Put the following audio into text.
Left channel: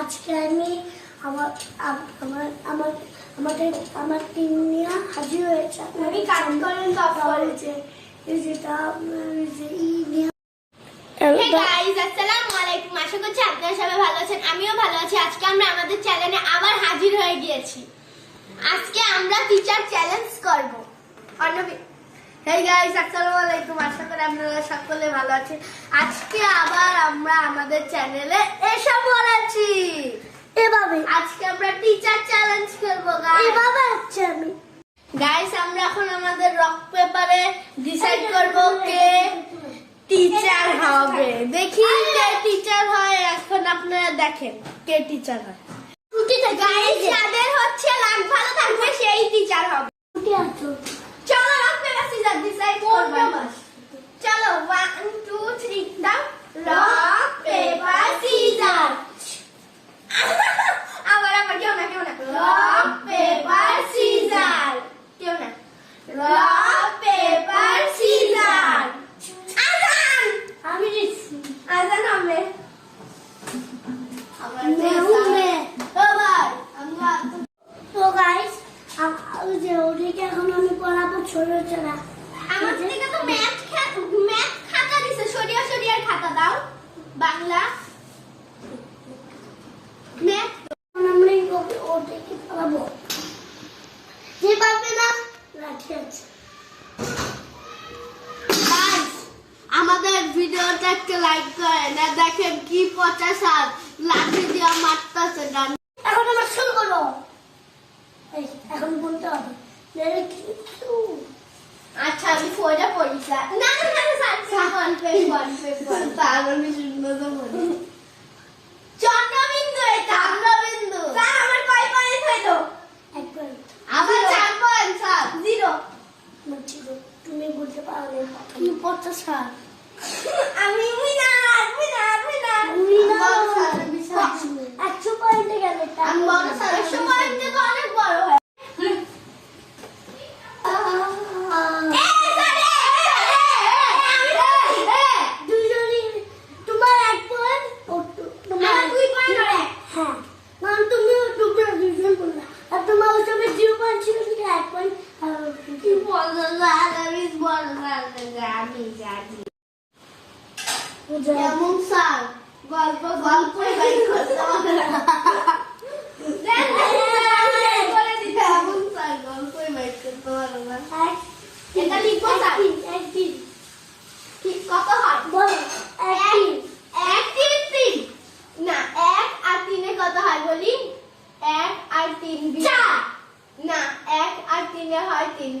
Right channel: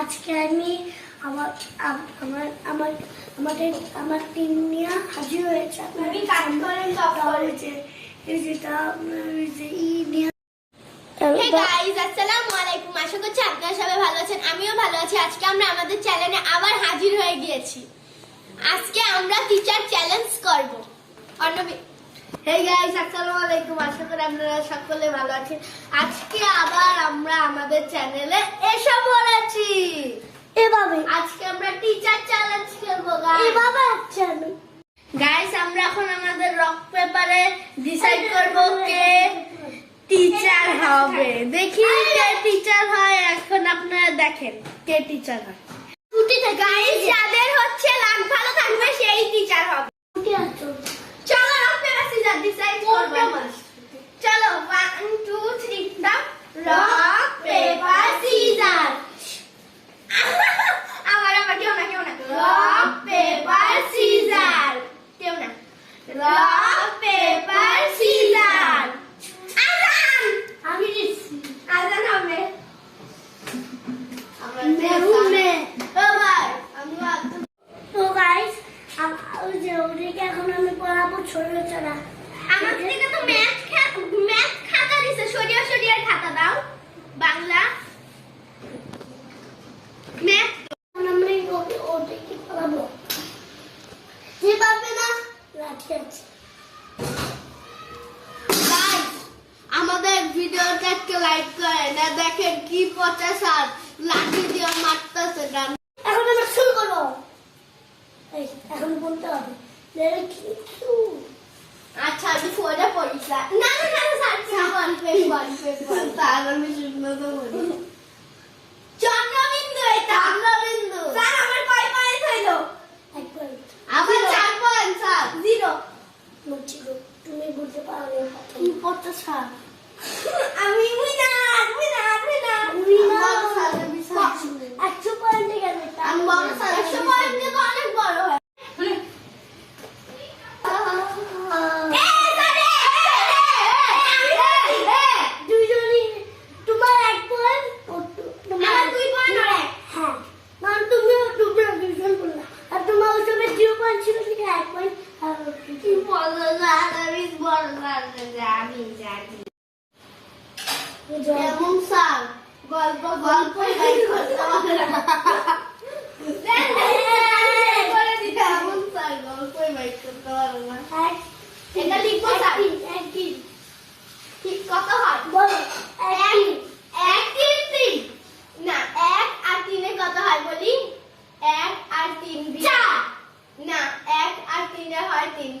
আজকে আমি আমার আমার আমার আমাদের আমার টিম নিয়ে হাজির হয়েছে। আশা করছি আপনারা সবাই ভালো আছেন আমিও ভালো আছি। আজকে আমরা আমাদের চ্যানেলে আবার হাজির হয়ে গিয়েছি। আজকে আমরা টিচার চ্যালেঞ্জ করব। অর্ণবী হে গাইস আসসালামু আলাইকুম আশা করি আপনারা সকলে ভালো আছেন। আজকে আবার আমরা আমাদের চ্যানেলে এসে পড়েছি। এভাবে। আজকে আমরা টিচার চ্যালেঞ্জ করব গাইস এভাবে হচ্ছে আমি। গাইস আমরা এখন আমাদের রক পেপারে ডিসাইড করব কে টিচার হবে। দেখি কে টিচার হয় এখন আপনারা দেখেন কে টিচার হয়। গাইস যাদের হচ্ছে লাখ ভালো থাকবে সেই টিচার হবে ছুটি আছো চলো রক পেপার সিজার ডিসাইড করব চলো 1 2 3 দাও রক পেপার সিজার আবার আবার কেউ না কেউ না রক পেপার সিজার কেউ না রক পেপার সিজার আজান আমি আজান হবে তো গাইস ওই যে ওদিকে এখন আমি পড়াবো ছোট ছোটা আমাদের ভিডিওটা একটা লাইক করেন আর দেখেন কি পচা সার। লাঠি দিয়ে মারতেছে গান এখন আমরা শুরু করব। এখন বলতে হবে। আচ্ছা আমি ফোনে পড়িস না না না না স্যার গল্পে পেজ ওয়ান পেজ ওয়ান তার বলি চন্দ্রবিন্দু এটা। চন্দ্রবিন্দু। স্যার আমার কয় পয়েন্ট হইল আমার চার পয়েন্ট স্যার। জিরো। তুমি বলতে পারো না। কি পচা সার আমি জানি যেমন স্যার গল্প গল্প কত হয় বলো এক তিন তিন না এক আর তিনে কত হয় বলি এক আর তিন চার। না এক আর তিনে হয় তিন